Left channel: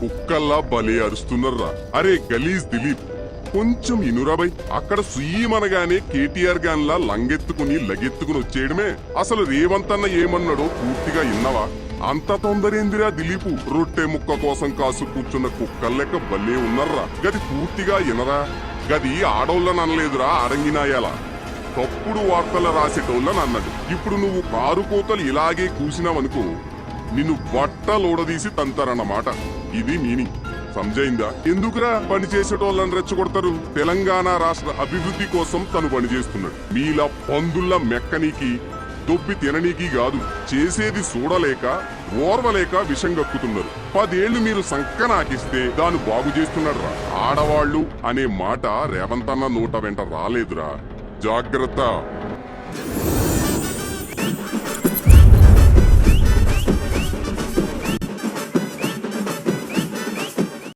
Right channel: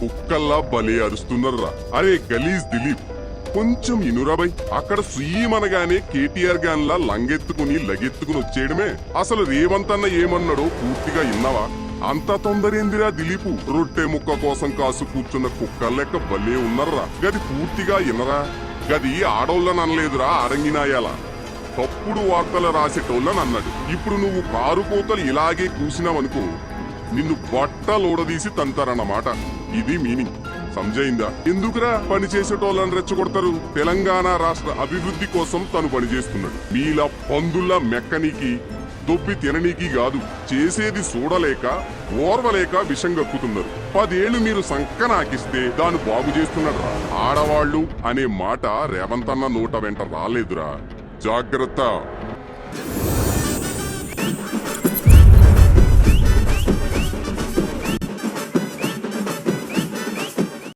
కుక్కల్లా భలే అరుస్తున్నారా. అరే గలీజ్ దిలీప్, కొంచెం ఇనురాబై. అక్కడ సీమనగానే కేటీఆర్ గాన్లా లంగెత్తుకుని లగెత్తుకుని వచ్చేయడమే. అసలు రేవంత్ అన్న ఏమన్నాడో పూర్తిగా విన్నావా? అంత తొందరేందిరా దిలీపు, రొట్టె ముక్క కోసం కాసు కూర్చున్న కుక్కర్ లెక్క భలే ఉన్నారా. గది పూర్తిగా ఇనరా. గది ఆడోళ్ళని అనలేదురా, అరంగినాయాల తప్పుడు వార్తలు రాసేటోళ్ళని అన్నాడు. ఇప్పుడు నువ్వు కారు కోతలు ఇలాగే కూసినావనుకో, నిన్ను బట్టలోడదీసి తంతారన్నమాట. ఇది మీనింగ్. సంజయిందా? ఎందుకురా పని చేసేటోళ్ళని రెచ్చగొడతారు? తెలంగాణ రాష్ట్ర అభివృద్ధి కోసం తను పనిచేస్తున్నాడు. మీలా పందుల్లా మెక్కనీకి దొబ్బి తిననీకి కాదు, చేసేది చూడలేక ఓర్వలేక విషం కక్కుతున్నారు. 10 ఏళ్లు మీరు సంకరాకిస్తే దాన్ని బాగు చేస్తున్నట్ట. ఆడవాళ్లు అనే మాట రేవంత్ అన్న నోట వెంట రాలేదురా. జాగ్రత్త.